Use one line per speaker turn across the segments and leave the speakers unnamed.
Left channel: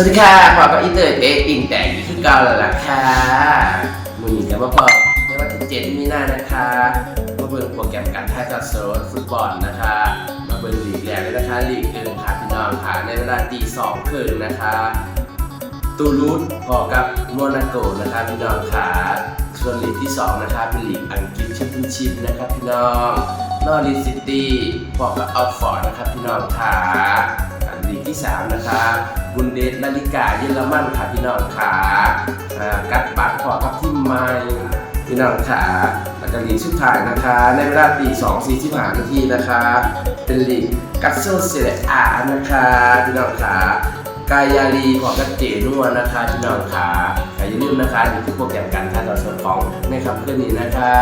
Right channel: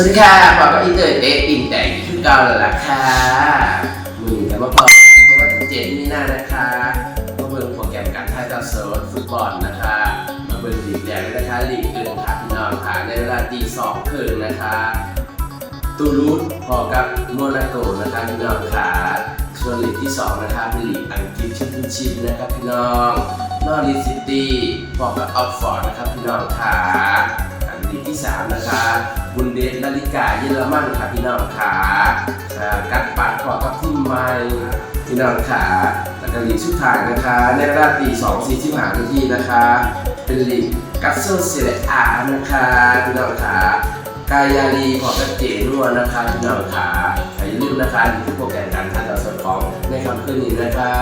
สวัสดีค่ะพอกับอีเตอร์เจ๊ติ่งแต่อยู่ที่เกาแล้วล่ะค่ะมือหนึ่งกับมาพอในวันที่เจ็ดมีนานะคะมาเบิ่งโปรแกรมการถ่ายทอดสดฟุตบอลนะคะ มาเบิ่งลีกแรกเลยนะคะลีกหนึ่งค่ะพี่น้องค่ะในเวลาตีสองครึ่งนะคะ ตูรูสพอกับโมนาโกนะคะพี่น้องค่ะส่วนลีกที่สองนะคะเป็นลีกอังกฤษชมเปี้ยนชิพนะครับพี่น้องนอริสซิตี้พอกับอัลฟอร์ดนะครับพี่น้องค่ะ เดสลาลิกาเยอรมันค่ะพี่น้องค่ะอ่ากัดปัดพอกับทีมไมพี่น้องค่ะแล้วก็ลีกสุดท้ายนะคะ ในเวลาตีสองสี่สิบห้านาทีนะคะ เป็นลีกกัสโซเซเรอานะคะพี่น้องค่ะกายาลีของกระเจนวนะคะพี่น้องขาอย่าลืมนะคะนี่คือโปรแกรมการถ่ายทอดสดของในคำเคลื่อนนี้นะคะ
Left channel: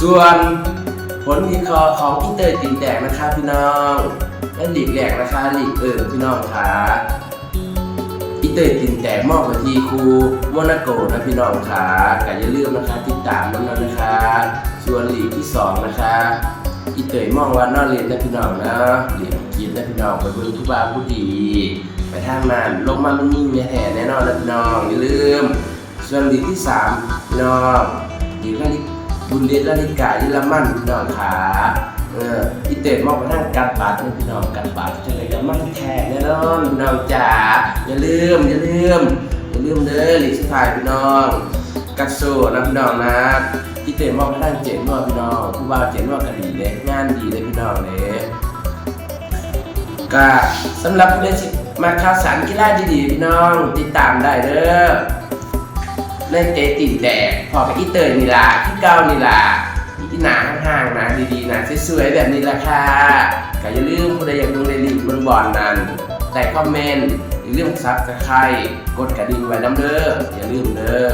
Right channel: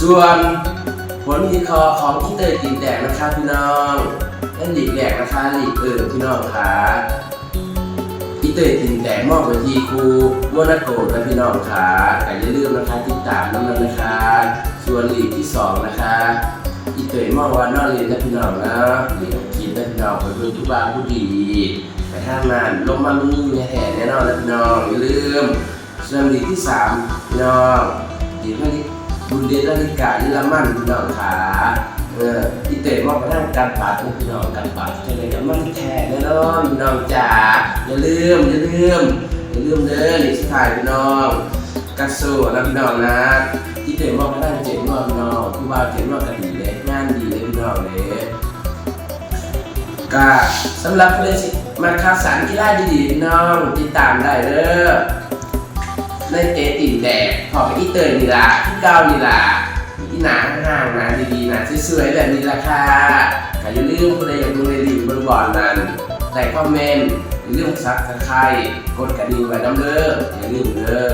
ส่วนผลวิเคราะห์ของอินเตอร์ตีแดกนะคะพี่น้อง และลีกแรกนะคะหลีกเอิญพี่น้องค่ะอิเตอร์ตีแดกมอบไปทีครูโมนาโกนะพี่น้องค่ะแต่อย่าลืมนะคะติดตามน้ำนั้นนะคะ ส่วนหลีกที่สองนะคะอีเตยมองว่านอกเรียนได้พี่น้องนะเรียนของกินได้พี่น้องไปเบิ่งผู้บ่าผู้ดีไปทางนั้นลงมามันมีเมีแห่แน่นอนนะพี่น้องอย่าลืมส่วนดีกที่สามพี่น้องดีนาฬิบุญเดชนาฬิกายิลามันพี่น้องขา เอออีเตยมองไปทางการบาดนะพี่น้องการบาดจะได้กับมันแท้แน่นอนพี่น้องจ๋าอย่าลืมอย่าลืมอย่าลืมเด้อลีกสุดท้ายพี่น้องกัดโซ่นะพี่น้องนะที่เต็มบอกตั้งเจ๋งว่าพี่น้องผู้บ่าวเจ๋งว่ากันดีเลยงานดีเลยพี่น้องเลยก็สำหรับผู้เล่มาข่าวสารกีฬาดีๆพี่น้องติดตามได้เด้อในเตะติ่นแดกพอกับอีเตยนี่ล่ะที่เก้านี่ล่ะ ที่หนาห่างๆนะดีๆนะสวยๆแบบนี้ละค่ะก็อย่าลืมคนใดอยากดูในลีกเบอร์บอลนั้นแต่คอมเมนต์อย่าลืมซับสไครต์กดกระดิ่งไว้น้ำเด้ออย่าลืมเด้อ